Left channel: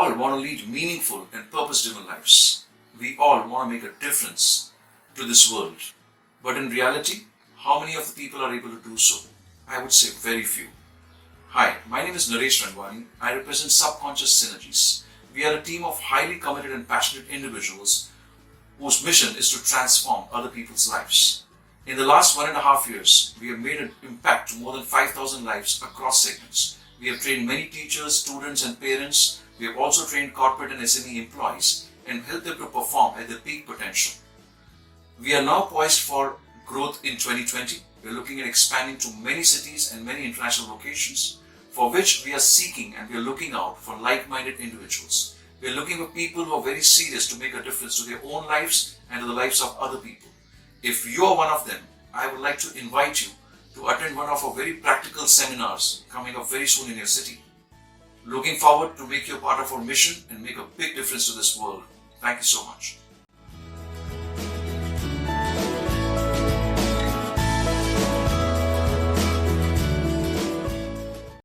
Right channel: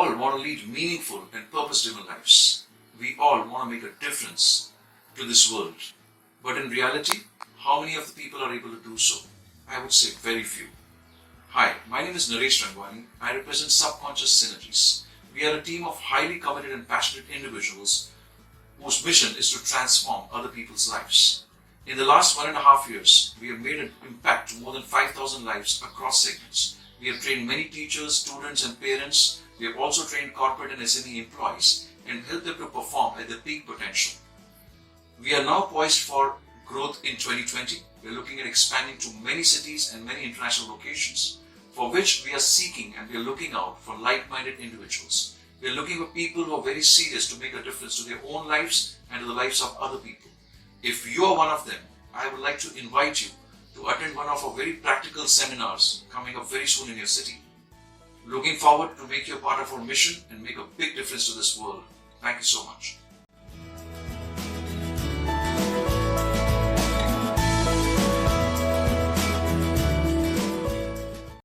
all want to lead meaningful and purpose-driven lives. We all want to make a difference to this world. But in reality, how many of the people are able to do so? I would say very few. Hi, my name is Naresh Rangwani. I represent Subconscious Synergies. We are a team of highly committed and passionate individuals whose mission is to transform other people's lives. In the last 1.5 years, we have made an impact to more than 5,000 lives across segments. We have trained many teachers, students and parents. We have also trained corporate and SME employees and helped them to perform at their peak potential. We are now poised for growth in 2020. We are looking at expanding to many cities and many international locations, for which we are seeking and we are looking out for like-minded individuals. We are looking for people who are very serious to make a difference to their own lives and to the lives of other people. If you are one of them, I would like to invite you to attend one of our very practical seminars coming up very soon in your city. Looking forward to make you a part of our mission and make a big difference to this world. Thank you so much.